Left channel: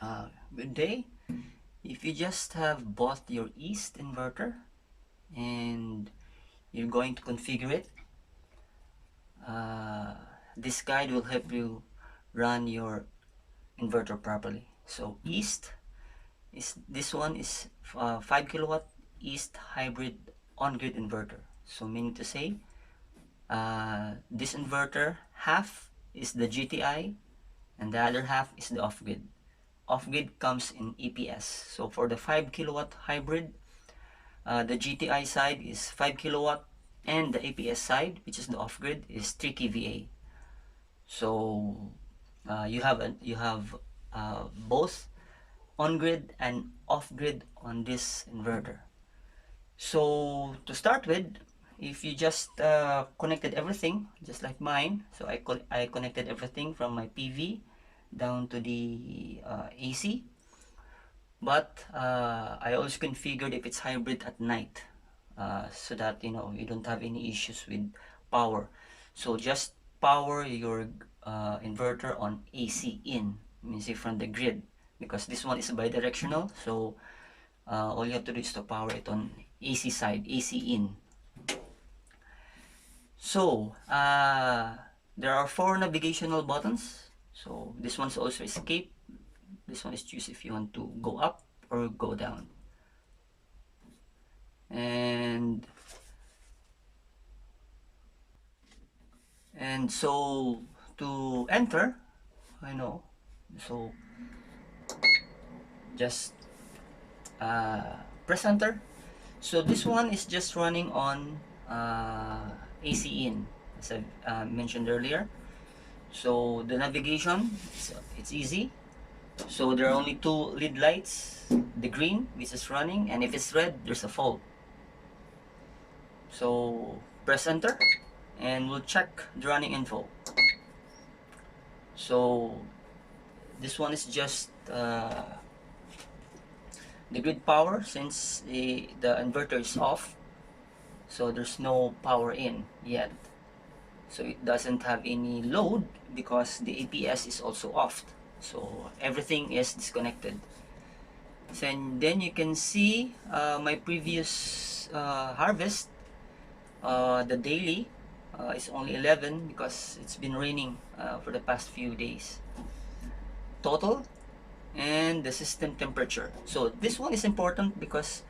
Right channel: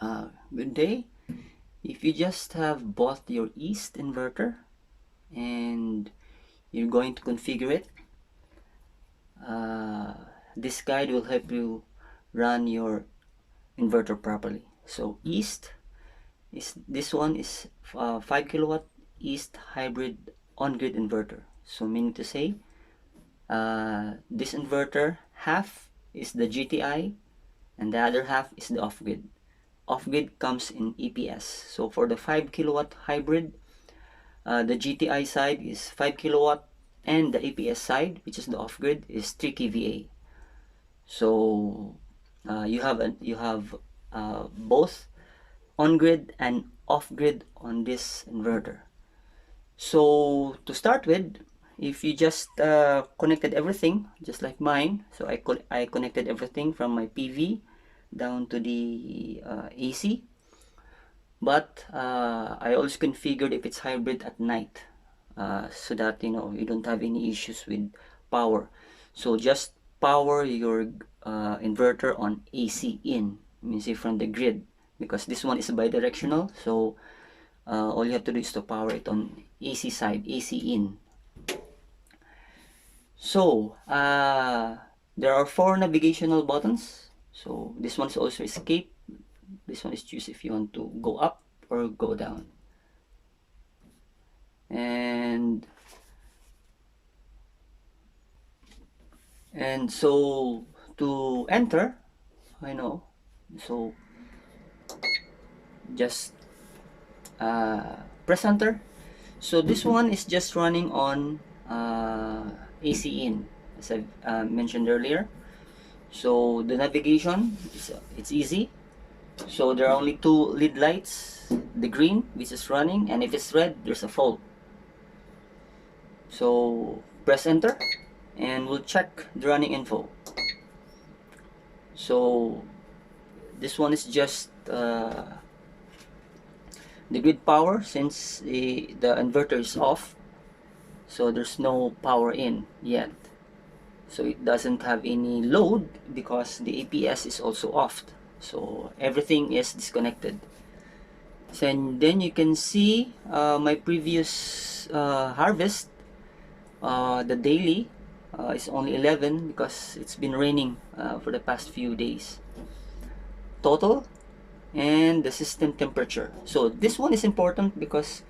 Good day. If you just have bought your east inverter and you're going to configure it, uh, this guide will help you run your inverter properly. So east is this one is 5 kilowatt east hybrid on-grid inverter. So meaning to say, this inverter half is the GTI and the other half is the off-grid. Off-grid comes in EPS. So for the 5 kilowatt hybrid, the GTI side is 5 kilowatt and the EPS side, which is the off-grid, is 3 kVA. So you have both on-grid and off-grid on this inverter. So to start with, if you just connected everything just like mine, so I connected everything from my PV down to the AC, but I also configured if it's hybrid at night, so that you don't have any issues with power. So just power your inverter on AC in, means from the grid, because this one is bidirectional. So all you have to do is to power it on AC side, AC in. So there are 4 navigational buttons. So this one is also escape. This one is choose if you want to go up or go down. And so to enter, so just press enter. So this one is just running on AC in, as I mentioned earlier. So the navigation, it's easy. So there are only 2 lead lights, the green, which is running, and if it's red, there's a fault. So press enter and we'll check the running info. So this one is just the grid power, since the inverter is off, so there's no power in yet. So it doesn't have any load because the APS is also off. So everything is disconnected. So, and then you can see my previous harvest. The daily is only 11 because it's been raining for the past few days. Total and the system temperature. So this one is important because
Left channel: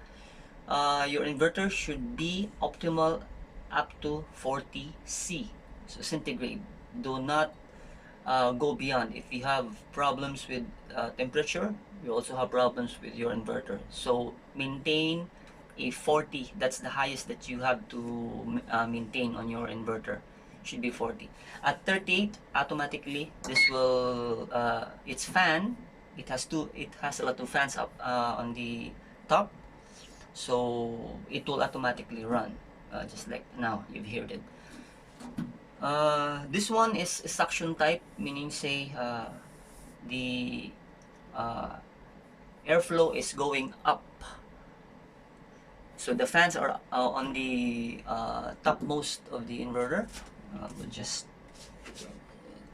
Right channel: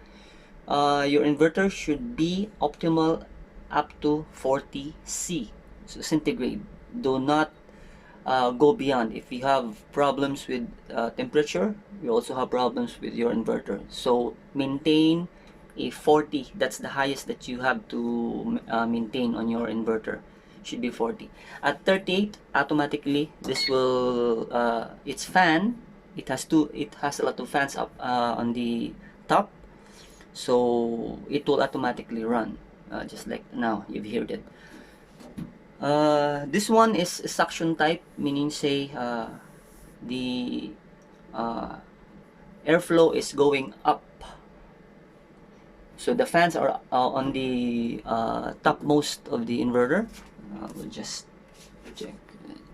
your inverter should be optimal up to 40 C, so centigrade. Do not go beyond. If you have problems with temperature, you also have problems with your inverter. So maintain a 40. That's the highest that you have to maintain on your inverter. Should be 40. At 38, automatically this will its fan. It has a lot of fans up on the top, so it will automatically run, just like now you've heard it. This one is suction type, meaning say the airflow is going up. So the fans are on the topmost of the inverter. We'll just check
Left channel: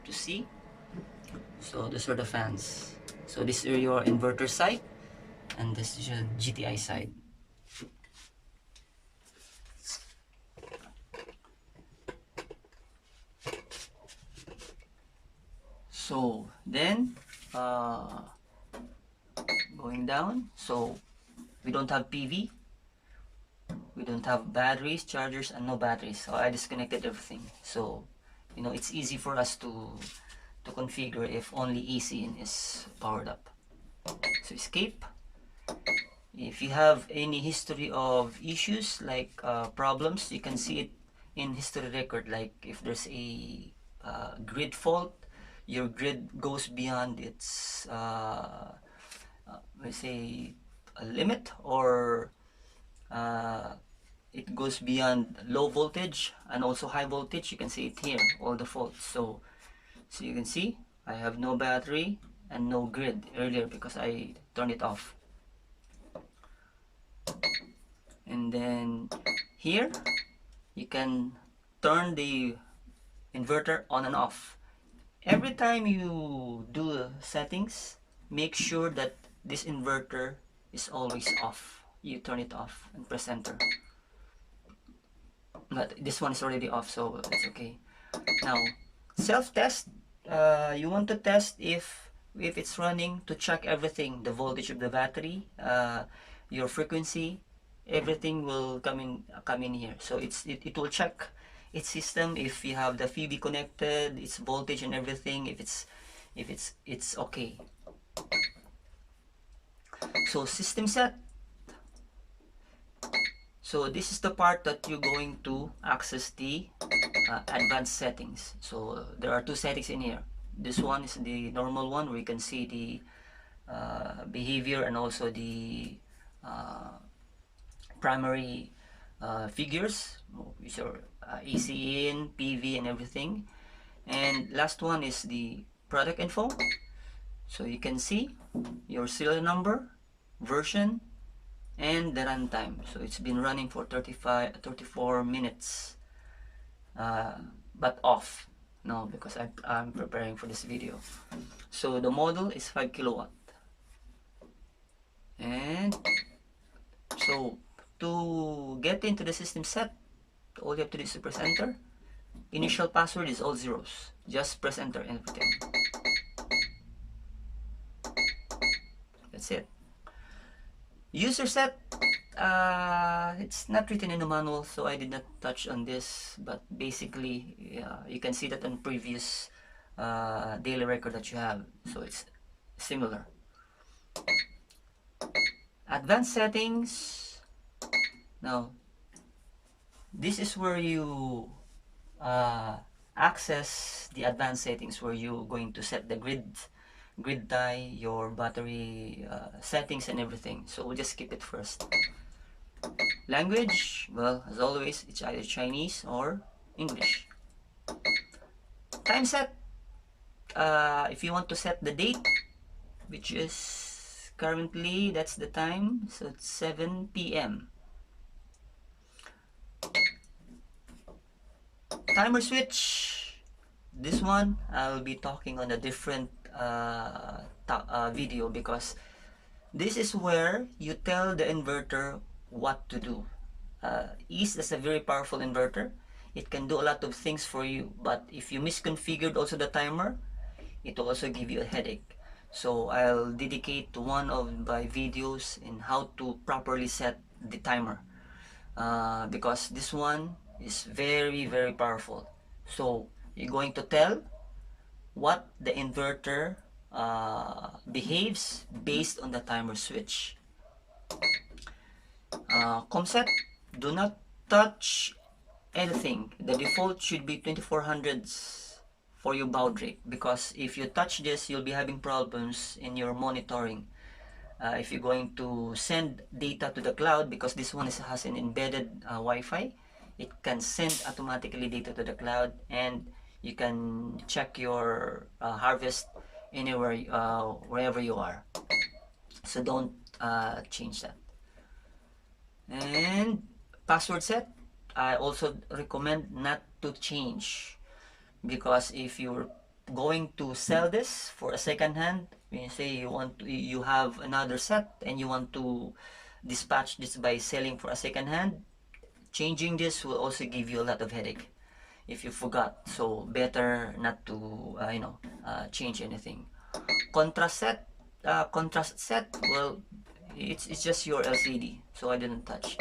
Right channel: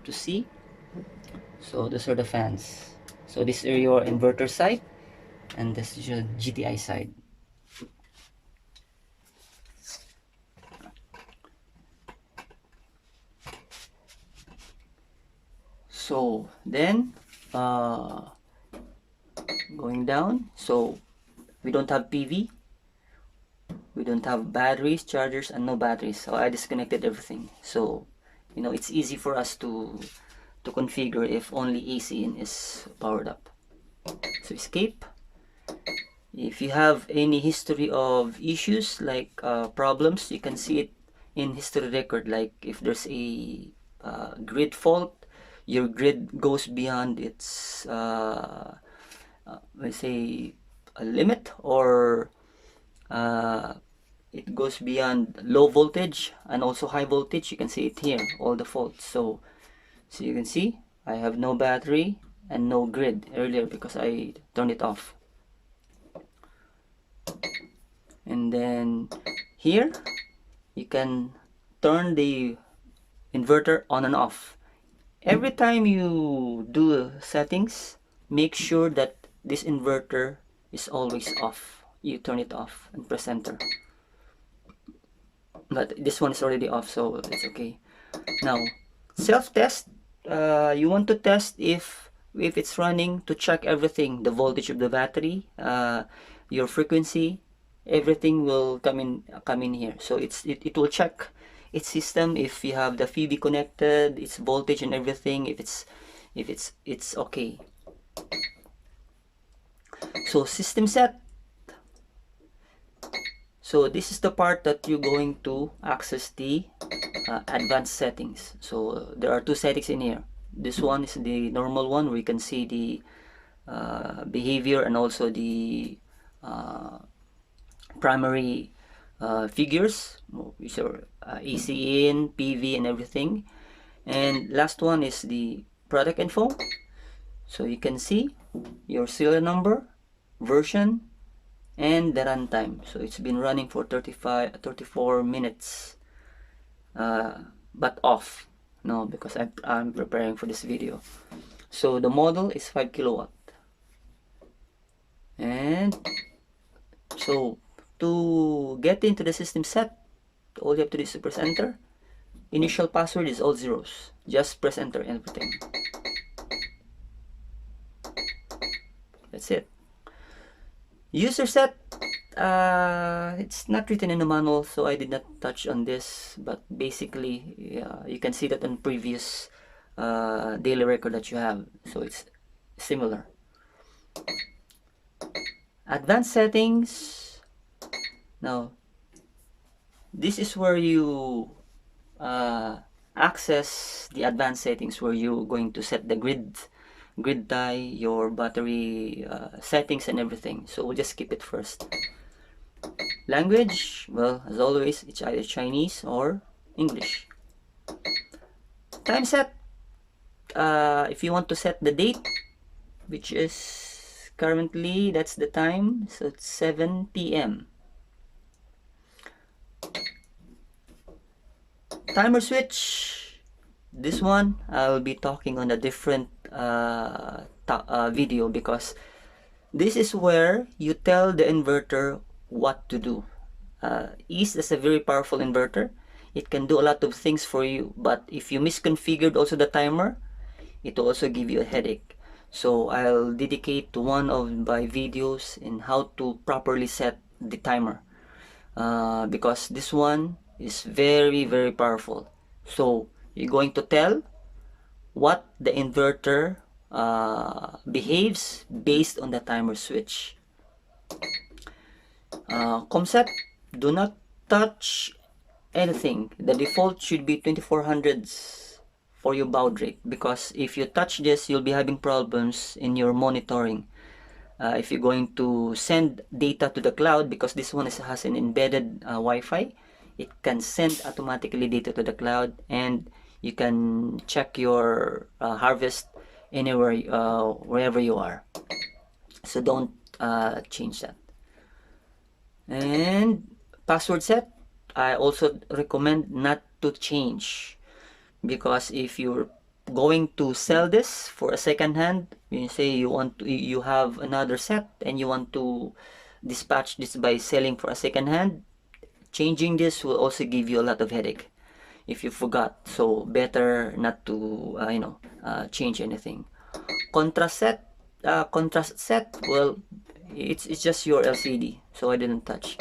to see. So these are the fans. So this is your inverter side, and this is your GTI side. So then going down, so we don't have PV, we don't have batteries, chargers, and no batteries. So I disconnected everything. So it's easy for us to configure if only AC in is powered up. So escape. If you have any history of issues like problems, you can see it in history record. Like if there's a grid fault, your grid goes beyond its let's say a limit, or it goes beyond low voltage and also high voltage. You can see it here, all the faults. So you can see I have no battery and no grid earlier because I turned it off. And then here you can turn the inverter on and off. Every time you do settings, make sure that this inverter is always off. You turn it off and press enter. But this one is already off, so it's okay. Now, self-test. You want to test if it's running, to check everything, the voltage of the battery, your frequency, everything will come in here. So it will check its system, if you have the PV connected, its voltage and everything, if it's okay. So system set. So this is the part that you're going to access the advanced settings. So there are two settings in here. This one is the normal one, where you can see the behavior and also the primary figures, which are AC in, PV and everything. And last one is the product info. So you can see your serial number, version, and the runtime. So it's been running for 34 minutes, but off. No, because I'm preparing for this video. So the model is 5 kilowatt. And so to get into the system set, all you have to do is to press enter. Initial password is all zeros. Just press enter and everything. That's it. User set. It's not written in the manual, so I did not touch on this, but basically you can see that on previous daily record that you have, so it's similar. Advanced settings. Now this is where you access the advanced settings, where you're going to set the grid tie, your battery settings and everything. So we'll just keep it first. Language, well, as always, it's either Chinese or English. Time set. If you want to set the date, which is currently, that's the time, so it's 7 p.m. Timer switch. This one I'll be talking on a different video, because this is where you tell the inverter what to do. East is a very powerful inverter. It can do a lot of things for you, but if you misconfigured also the timer, it will also give you a headache. So I'll dedicate to one of my videos in how to properly set the timer, because this one is very powerful. So you're going to tell what the inverter behaves based on the timer switch. ComSet, do not touch anything. The default should be 2400s for your baud rate, because if you touch this, you'll be having problems in your monitoring. If you're going to send data to the cloud, because this one has an embedded Wi-Fi, it can send automatically data to the cloud, and you can check your harvest anywhere, wherever you are. So don't change that. And password set, I also recommend not to change, because if you're going to sell this for a second hand, you say you have another set and you want to dispatch this by selling for a second hand, changing this will also give you a lot of headache if you forgot. So better not to change anything. Contrast set, well, it's just your LCD, so I didn't touch.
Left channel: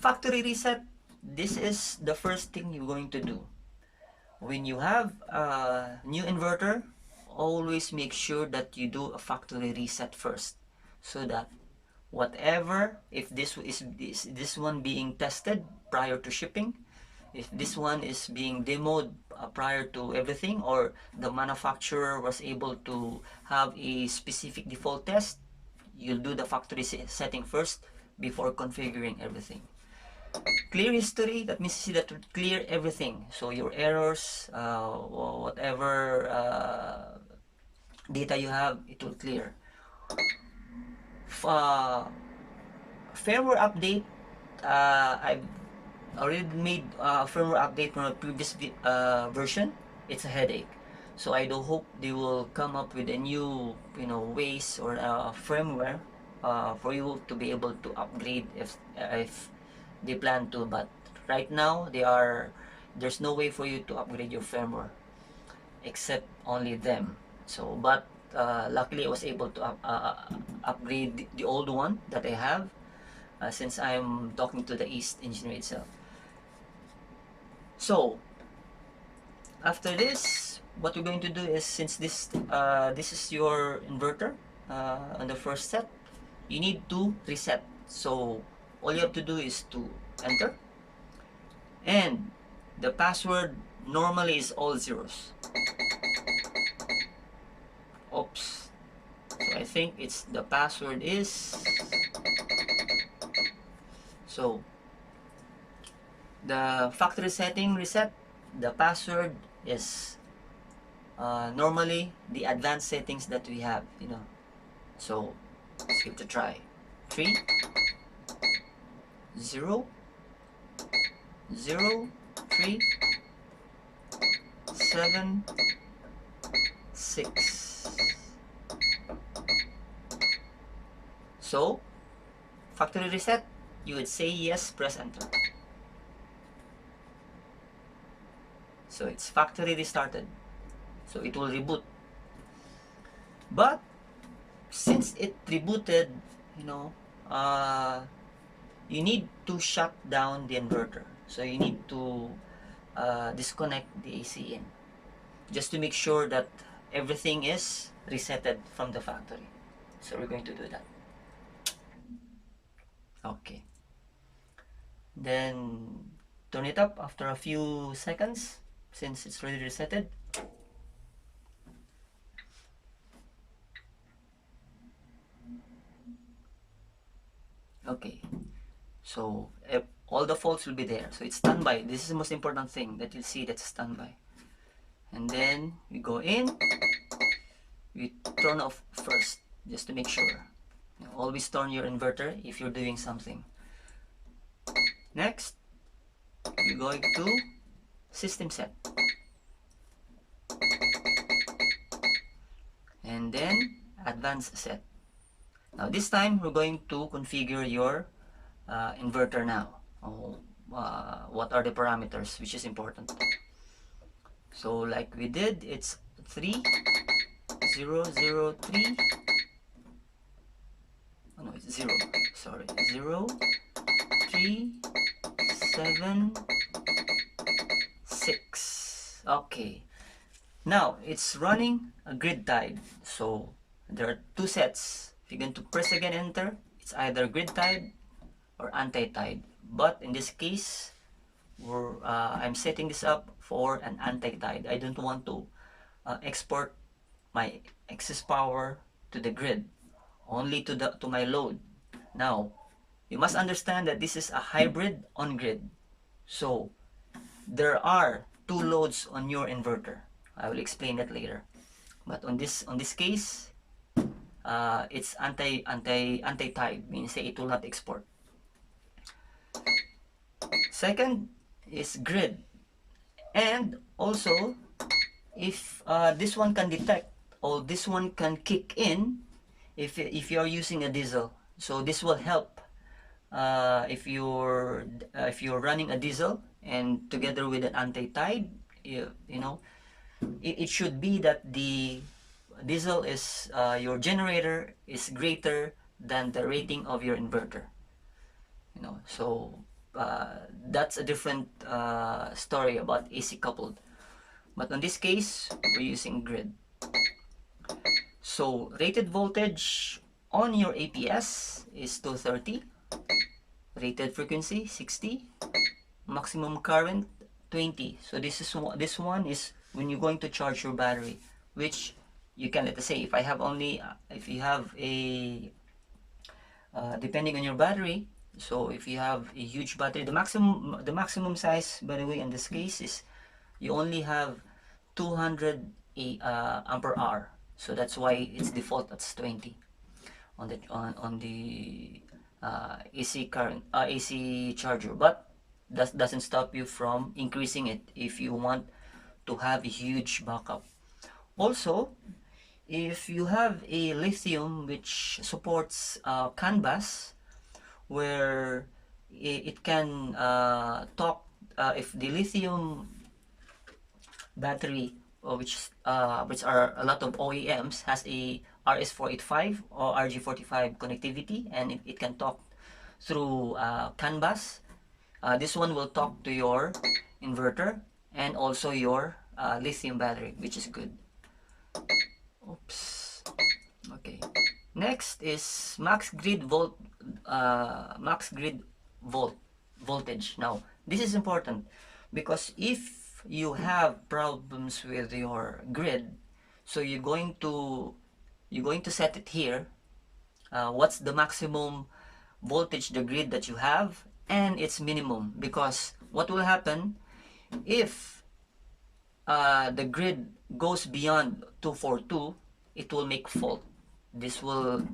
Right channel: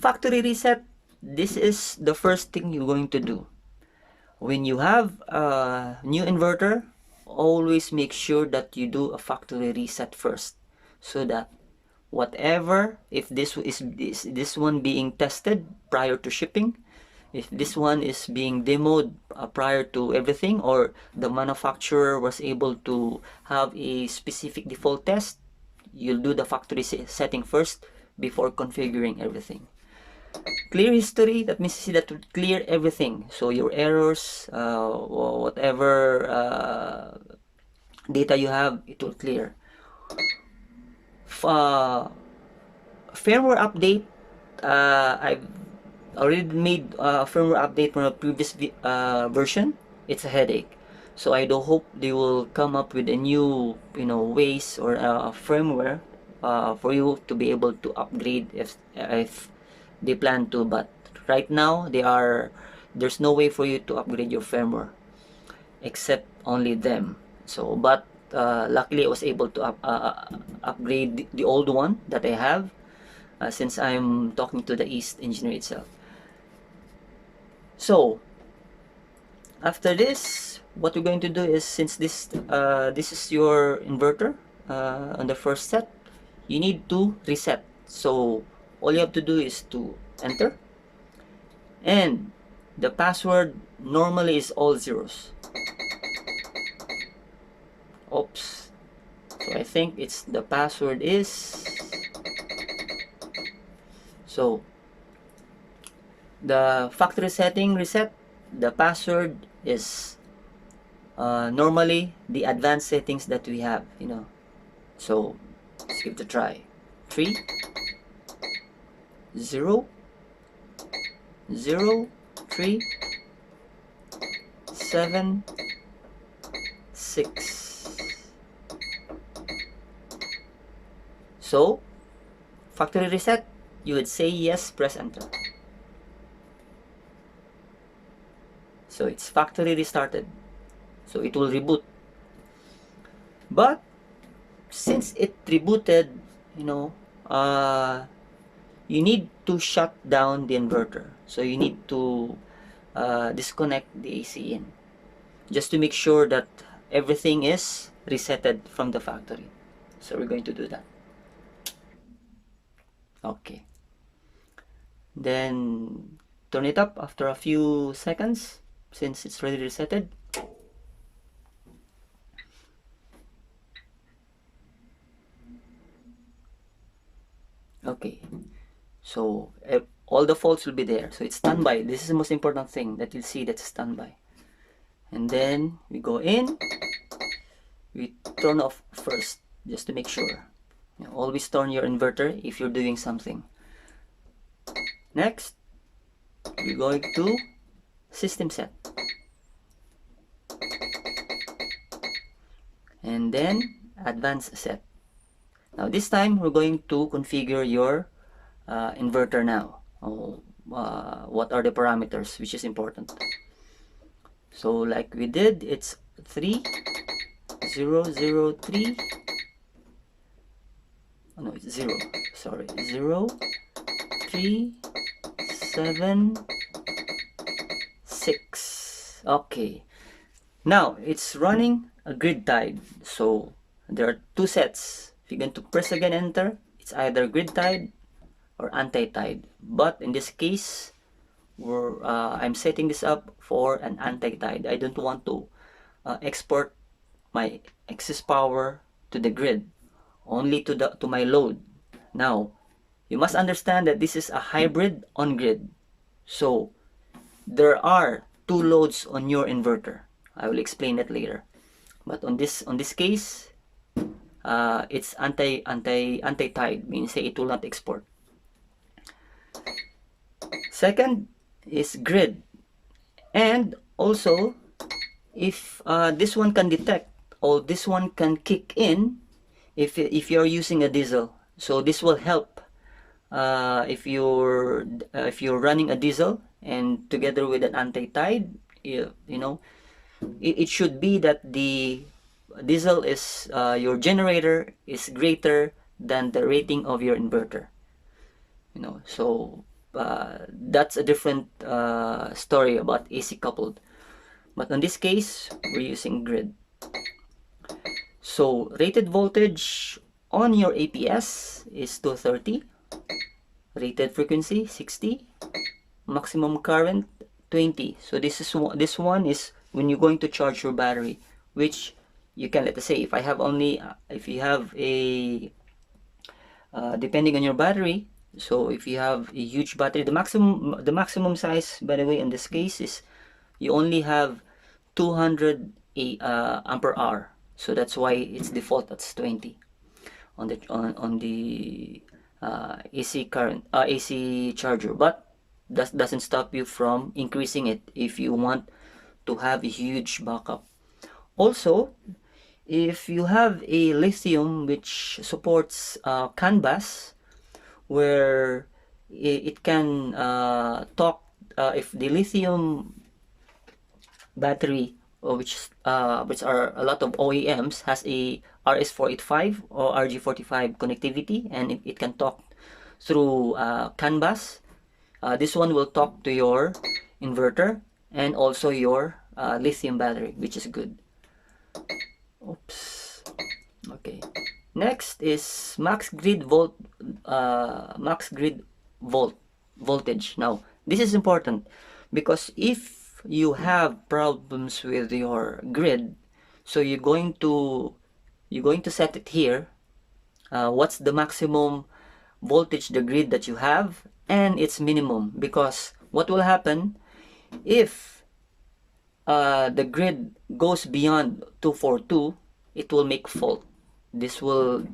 Factory reset, this is the first thing you're going to do when you have a new inverter. Always make sure that you do a factory reset first, so that whatever, if this one being tested prior to shipping, if this one is being demoed prior to everything, or the manufacturer was able to have a specific default test, you'll do the factory setting first before configuring everything. Clear history, that means you see that to clear everything, so your errors, whatever data you have, it will clear. Firmware update, I've already made a firmware update from a previous version. It's a headache, So I do hope they will come up with a new, ways or firmware for you to be able to upgrade if they plan to. But right now there's no way for you to upgrade your firmware except only them. So but luckily I was able to upgrade the old one that I have, since I'm talking to the East engineer itself. So after this, what we're going to do is, since this is your inverter on the first set, you need to reset. So all you have to do is to enter, and the password normally is all zeros. Oops. So I think it's the password is, so the factory setting reset, the password is normally the advanced settings that we have, so let's give it a try. 3 0 0 3 7 6. So factory reset, you would say yes, press enter. So it's factory restarted, so it will reboot. But since it rebooted, you need to shut down the inverter. So you need to disconnect the AC in, just to make sure that everything is resetted from the factory. So we're going to do that. Okay. Then turn it up after a few seconds, since it's already resetted. Okay. So all the faults will be there. So it's standby. This is the most important thing that you'll see, that's standby. And then we go in, we turn off first, just to make sure. Always turn your inverter if you're doing something. Next, we're going to system set. And then advanced set. Now this time we're going to configure your inverter now. What are the parameters, which is important. So like we did, it's 3003. Oh no, it's 0. Sorry, 0 3 7 6. Okay. Now it's running a grid tied. So there are two sets. If you're going to press again enter, it's either grid tied or anti-tied. But in this case, I'm setting this up for an anti-tied. I don't want to export my excess power to the grid, only to my load. Now you must understand that this is a hybrid on grid. So there are two loads on your inverter. I will explain that later. But on this case, it's anti-tied, means it will not export. Second is grid, and also if this one can detect, or this one can kick in if you're using a diesel. So this will help if you're running a diesel and together with an anti-tide, it should be that the diesel is your generator is greater than the rating of your inverter. So that's a different story about AC coupled. But in this case, we're using grid. So rated voltage on your APS is 230, rated frequency 60, maximum current 20. So this one is when you're going to charge your battery, which you can, let's say, if you have a depending on your battery. So if you have a huge battery, the maximum size, by the way, in this case is you only have 200 ampere hour. So that's why it's default, that's 20 on the AC current AC charger. But that doesn't stop you from increasing it if you want to have a huge backup. Also, if you have a lithium which supports CAN bus, where it can talk, if the lithium battery, which are a lot of OEMs, has a RS485 or RG45 connectivity, and it can talk through CAN bus. This one will talk to your inverter and also your lithium battery, which is good. Oops. Okay. Next is max grid voltage. Now, this is important because if you have problems with your grid, so you're going to set it here. What's the maximum voltage the grid that you have and its minimum, because what will happen if the grid goes beyond 242, it will make fault. This will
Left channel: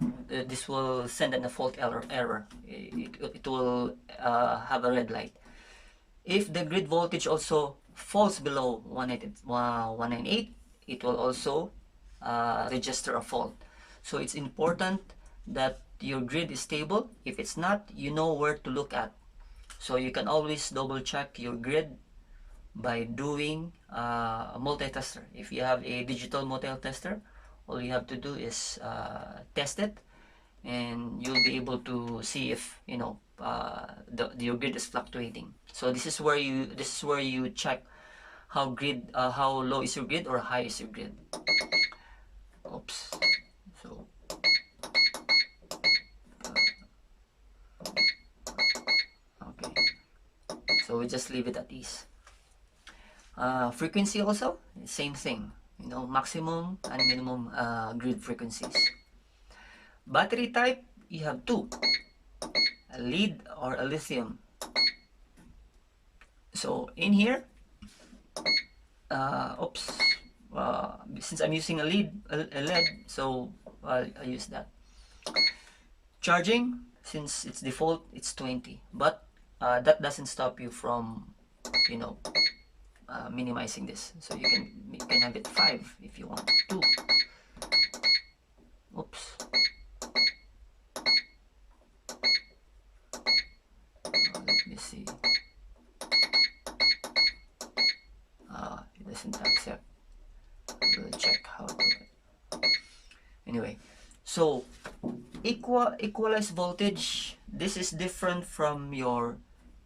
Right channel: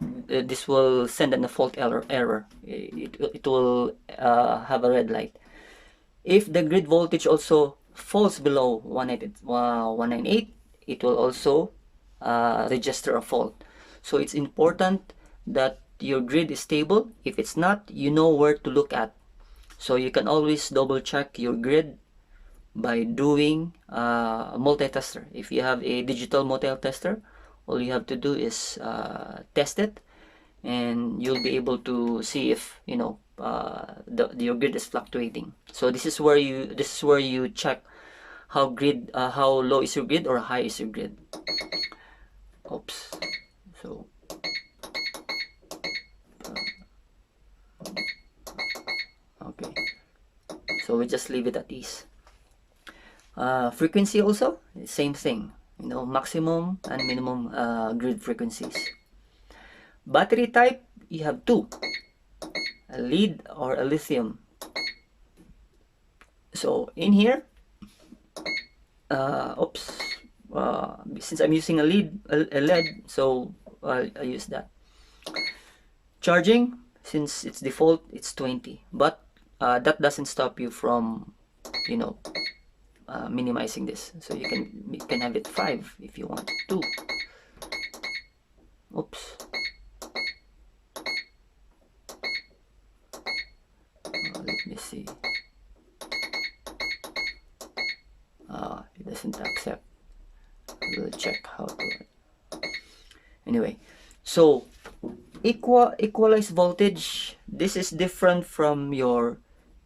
send a fault error. It will have a red light. If the grid voltage also falls below 198, it will also register a fault. So it's important that your grid is stable. If it's not, you know where to look at. So you can always double check your grid by doing a multi-tester. If you have a digital multi-tester, all you have to do is test it, and you'll be able to see if your grid is fluctuating. So this is where you check how low is your grid or high is your grid. Oops. So okay, so we just leave it at ease. Frequency also, same thing, maximum and minimum grid frequencies. Battery type, you have two, a lead or a lithium. So in here, oops, since I'm using a LED, so I use that. Charging, since it's default, it's 20, but that doesn't stop you from, minimizing this. So you can have it 5 if you want. 2. Oops. Let me see. It doesn't accept. We'll check how to. Anyway, so equalized voltage. This is different from your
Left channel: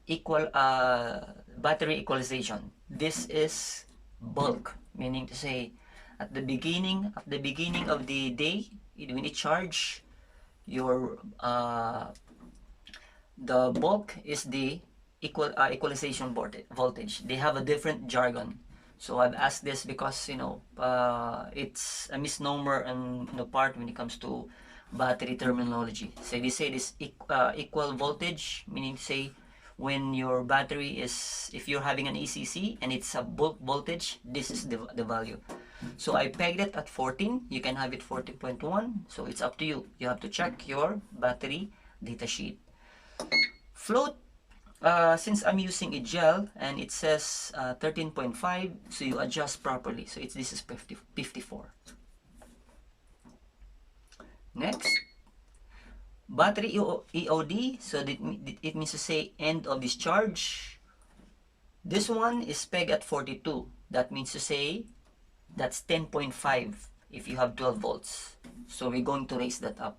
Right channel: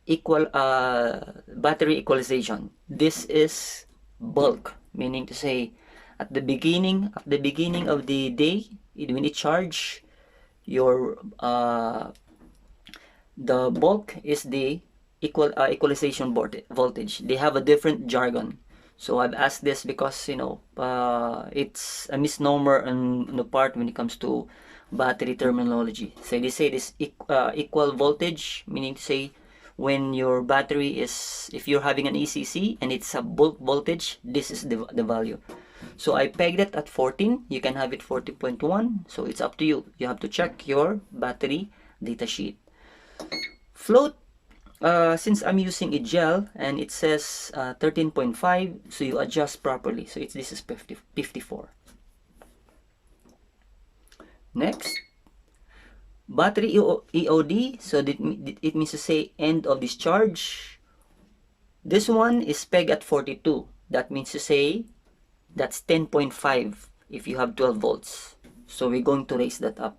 battery equalization. This is bulk, meaning to say, at the beginning of the day, when you charge your the bulk is the equalization voltage. They have a different jargon. So I've asked this because it's a misnomer on the part when it comes to battery terminology. So they say this equal voltage, meaning to say, when your battery is, if you're having an ECC and it's a bulk voltage, this is the value. So I pegged it at 14. You can have it 14.1. So it's up to you. You have to check your battery datasheet. Float, since I'm using a gel and it says 13.5, so you adjust properly. So this is 54. Next, battery EOD, so it means to say end of discharge. This one is pegged at 42. That means to say that's 10.5 if you have 12 volts. So we're going to raise that up.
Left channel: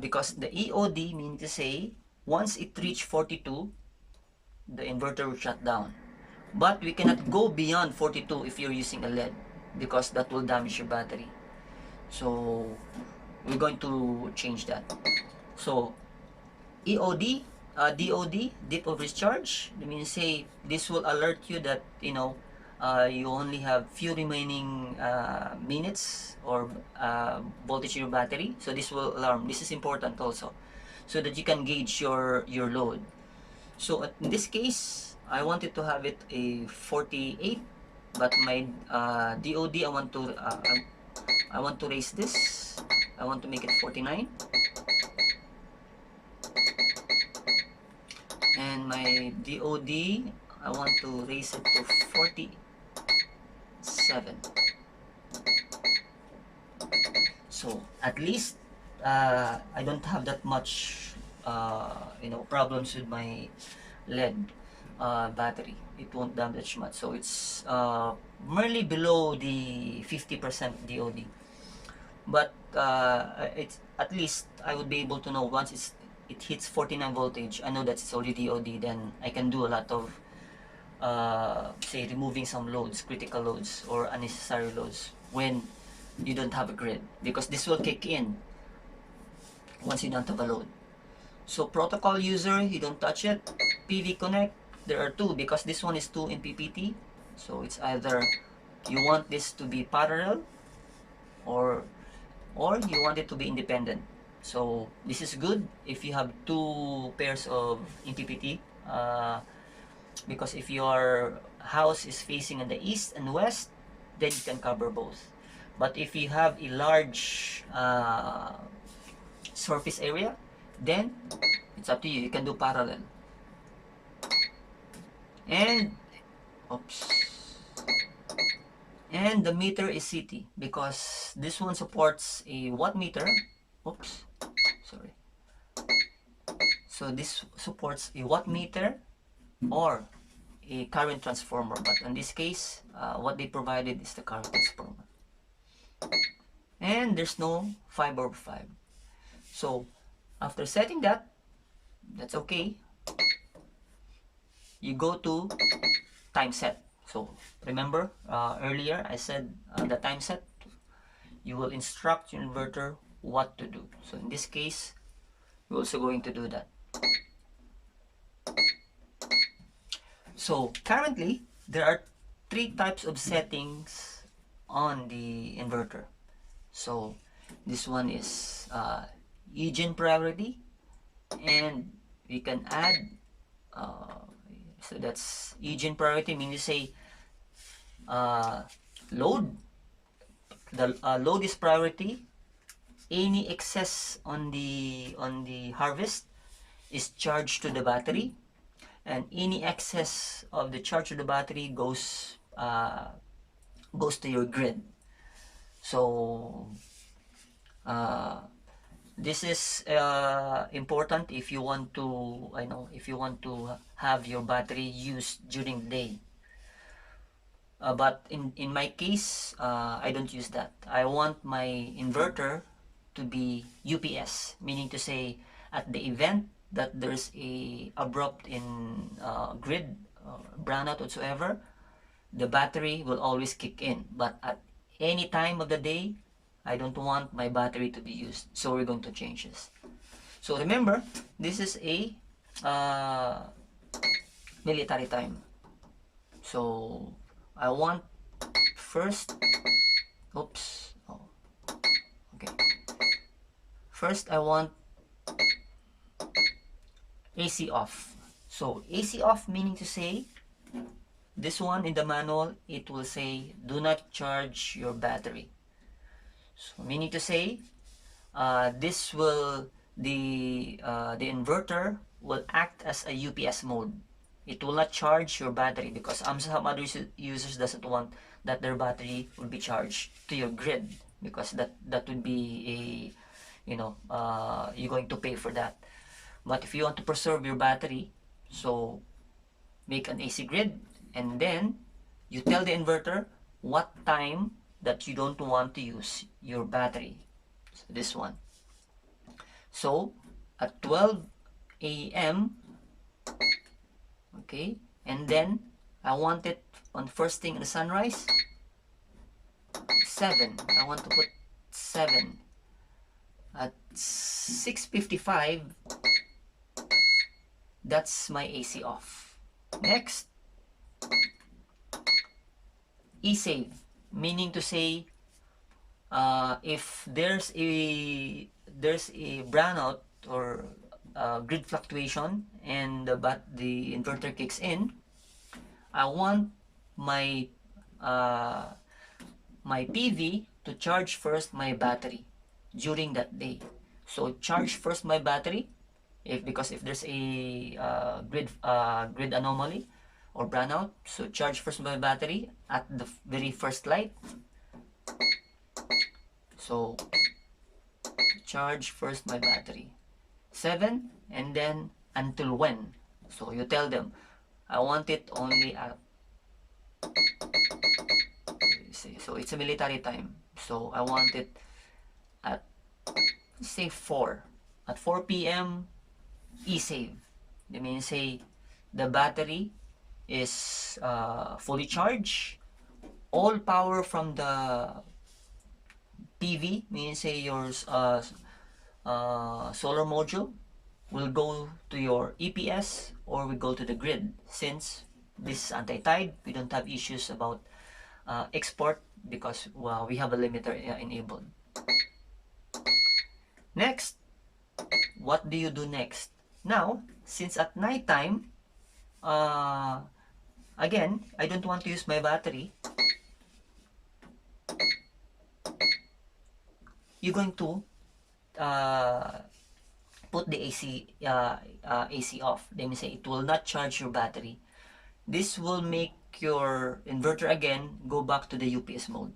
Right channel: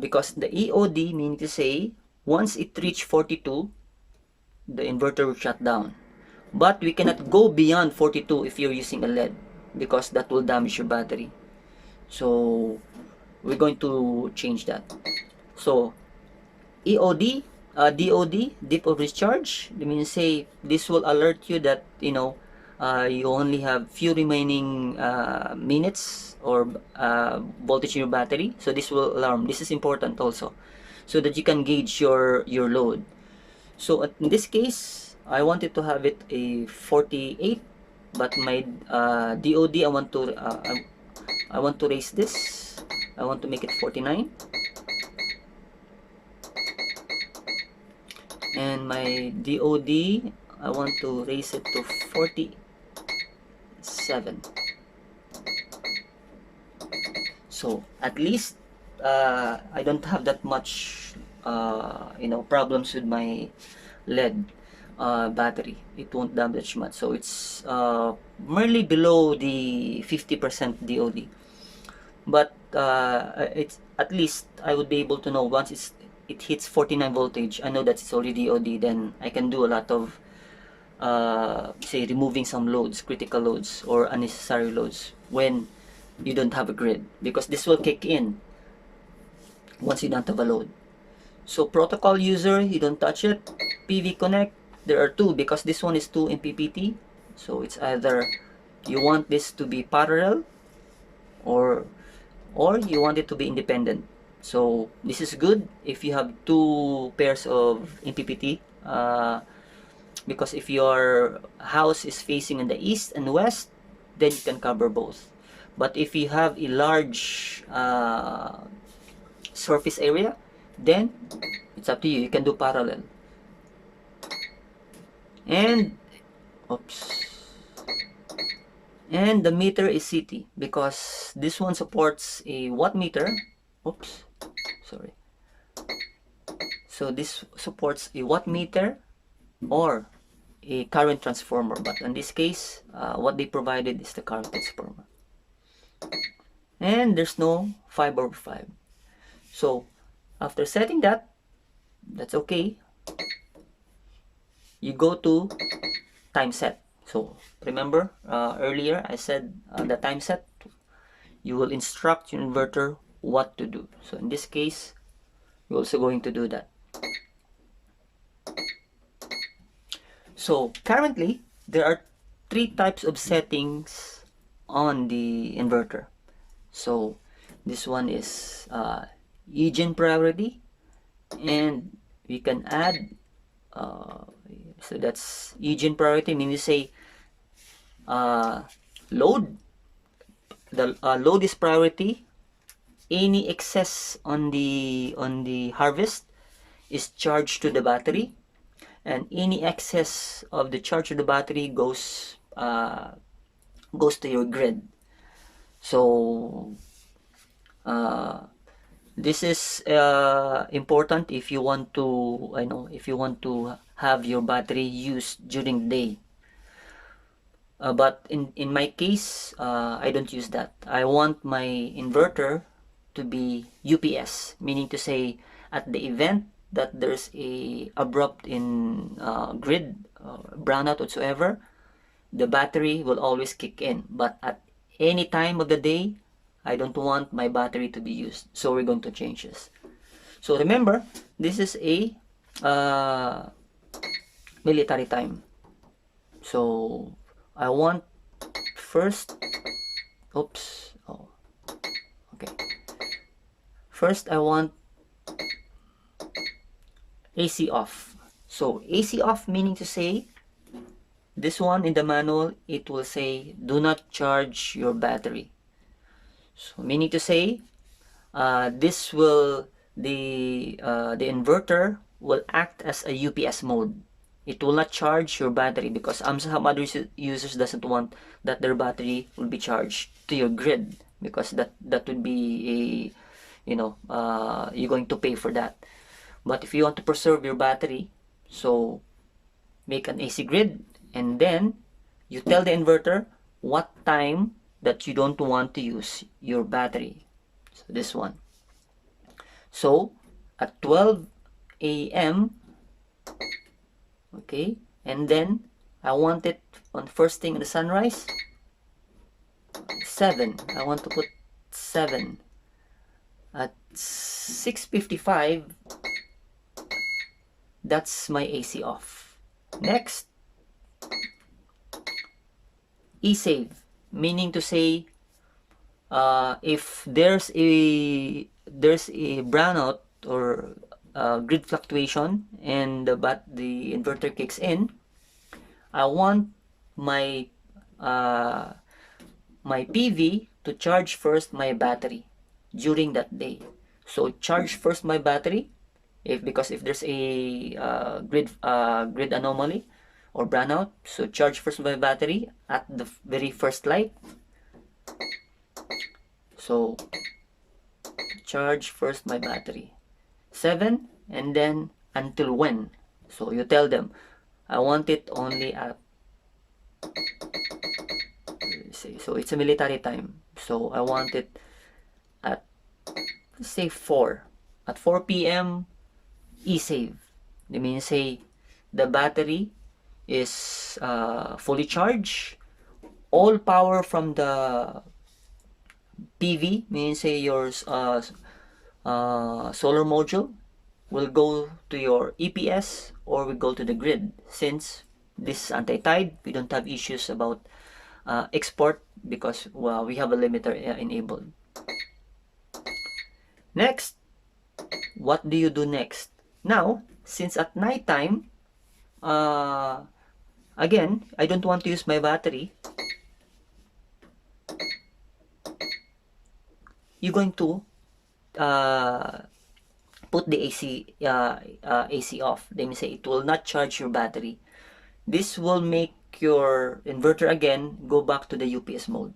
Because the EOD means to say, once it reaches 42, the inverter will shut down. But we cannot go beyond 42 if you're using a LED, because that will damage your battery. So we're going to change that. So EOD, DOD, dip of discharge, it means say this will alert you that you only have few remaining minutes or voltage in your battery. So this will alarm. This is important also, so that you can gauge your load. So in this case, I wanted to have it a 48, but my DOD, I want to raise this. I want to make it 49. And my DOD, I want to raise it to 47. So at least I don't have that much problems with my lead battery. It won't damage much. So it's merely below the 50% DOD. But it's at least I would be able to know once it hits 49 voltage. I know that it's already DOD. Then I can do a lot of say removing some loads, critical loads or unnecessary loads when you don't have a grid, because this will kick in once you don't have a load. So protocol user, you don't touch it. PV connect, there are two because this one is 2 MPPT. So it's either you want this to be parallel or you want it to be independent. So this is good if you have two pairs of MPPT, because if your house is facing in the east and west, then you can cover both. But if you have a large surface area, then it's up to you. You can do parallel. And oops. And the meter is CT because this one supports a watt meter. Oops. Sorry. So this supports a watt meter or a current transformer, but in this case what they provided is the current transformer. And there's no 5/5. So after setting that, that's okay. You go to time set. So remember earlier I said the time set, you will instruct your inverter what to do. So in this case we're also going to do that. So currently there are three types of settings on the inverter. So this one is Eugen priority, and we can add so that's Eugen priority, meaning to say load, the load is priority. Any excess on the harvest is charged to the battery, and any excess of the charge of the battery goes to your grid. So this is important if you want to have your battery used during the day. But in my case, I don't use that. I want my inverter to be UPS, meaning to say at the event that there's a abrupt in grid brownout whatsoever, the battery will always kick in. But at any time of the day, I don't want my battery to be used. So we're going to change this. So remember, this is a military time. So I want first, oops, oh, okay. First I want AC off. So AC off meaning to say, this one in the manual, it will say do not charge your battery. So meaning to say, this will the inverter will act as a UPS mode. It will not charge your battery because some other users doesn't want that their battery will be charged to your grid, because that would be a you're going to pay for that. But if you want to preserve your battery, so make an AC grid, and then you tell the inverter what time that you don't want to use your battery. So this one. So at 12 a.m. okay, and then I want it on first thing in the sunrise. 7. I want to put 7. At 6:55, that's my AC off. Next, E-save, meaning to say, if there's a brownout or grid fluctuation and the inverter kicks in, I want my my PV to charge first my battery during that day. So charge first my battery because if there's a grid anomaly or brownout, so charge first my battery at the very first light. So charge first my battery. 7, and then until when? So you tell them, I want it only at, so it's a military time. So I want it at, let's say 4. At 4 p.m. e-save. They mean say the battery is fully charged. All power from the PV, means say your solar module, will go to your EPS or will go to the grid. Since this is anti-tide, we don't have issues about export because we have a limiter enabled. Next, what do you do next? Now, since at night time, again, I don't want to use my battery, you're going to put the AC off. They may say it will not charge your battery. This will make your inverter again go back to the UPS mode.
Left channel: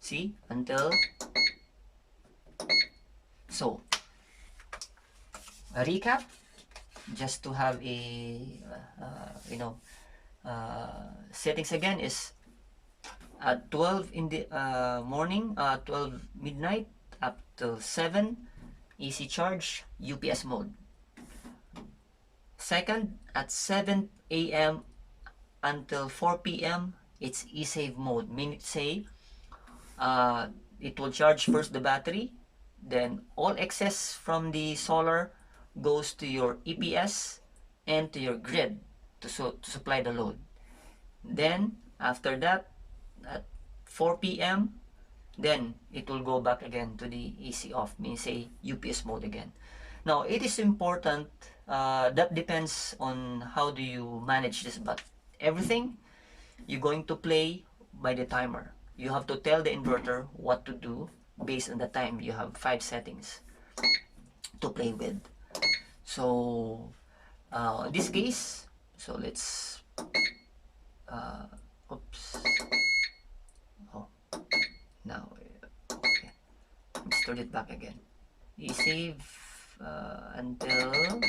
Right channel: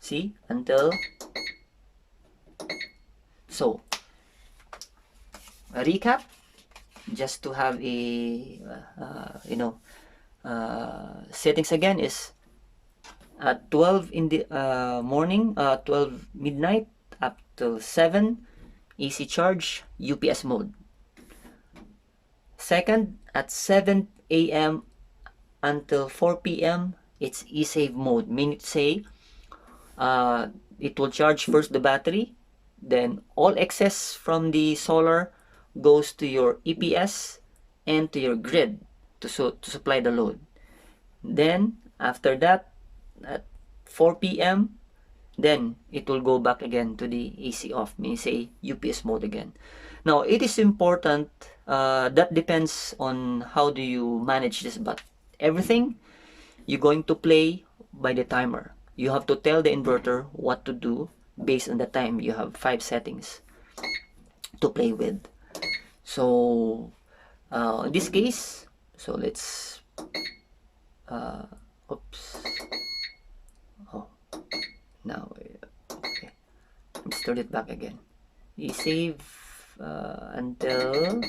See, until, so a recap, just to have a settings again is at 12 in the morning, 12 midnight up till 7, AC charge, UPS mode. Second, at 7 a.m. until 4 p.m. it's e-save mode, meaning say it will charge first the battery, then all excess from the solar goes to your EPS and to your grid to supply the load. Then after that, at 4 p.m. then it will go back again to the AC off, means say UPS mode again. Now it is important, that depends on how do you manage this, but everything you're going to play by the timer. You have to tell the inverter what to do based on the time. You have 5 settings to play with. So in this case, so let's oops, oh, now okay, let's turn it back again. You save until,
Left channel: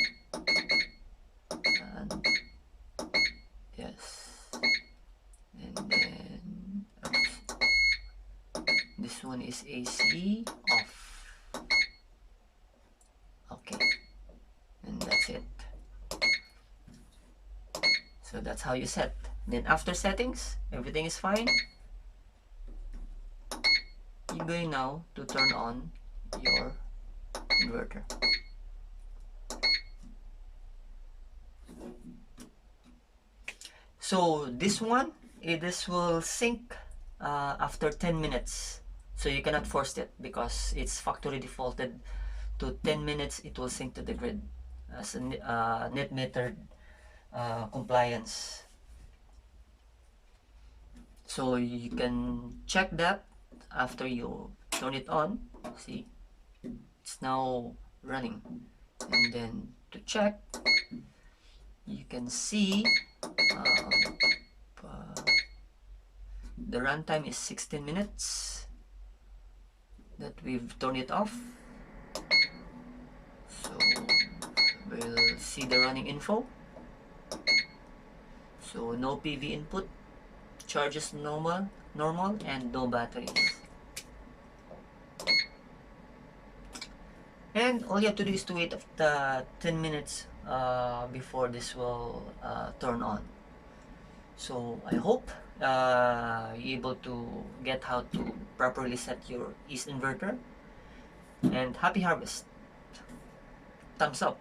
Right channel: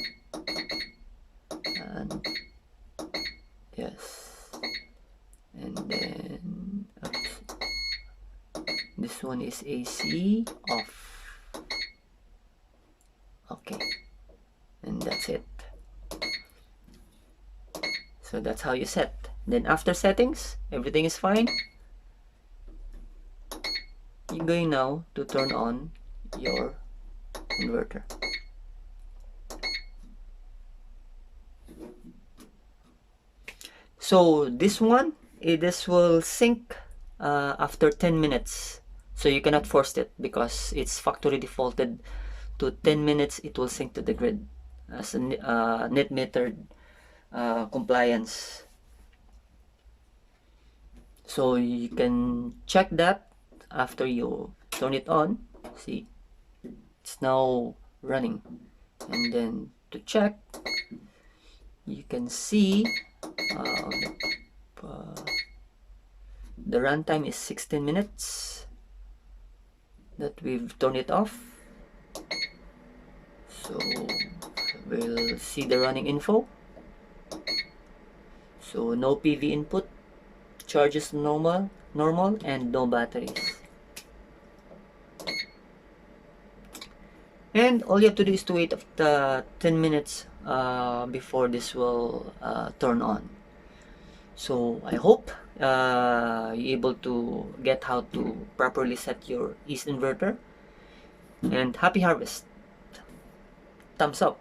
and yes, and then oops, this one is AC off. Okay, and that's it. So that's how you set. Then after settings, everything is fine. You're going now to turn on your inverter. So this one, this will sync after 10 minutes. So you cannot force it because it's factory defaulted to 10 minutes. It will sync to the grid as a net metered compliance. So you can check that after you turn it on. See, it's now running. And then to check, you can see the runtime is 16 minutes that we've turned it off. So we'll see the running info. So no PV input, charges normal, and no batteries. And all you have to do is to wait after 10 minutes before this will turn on. So I hope you're able to get how to properly set your East inverter. And happy harvest. Thumbs up.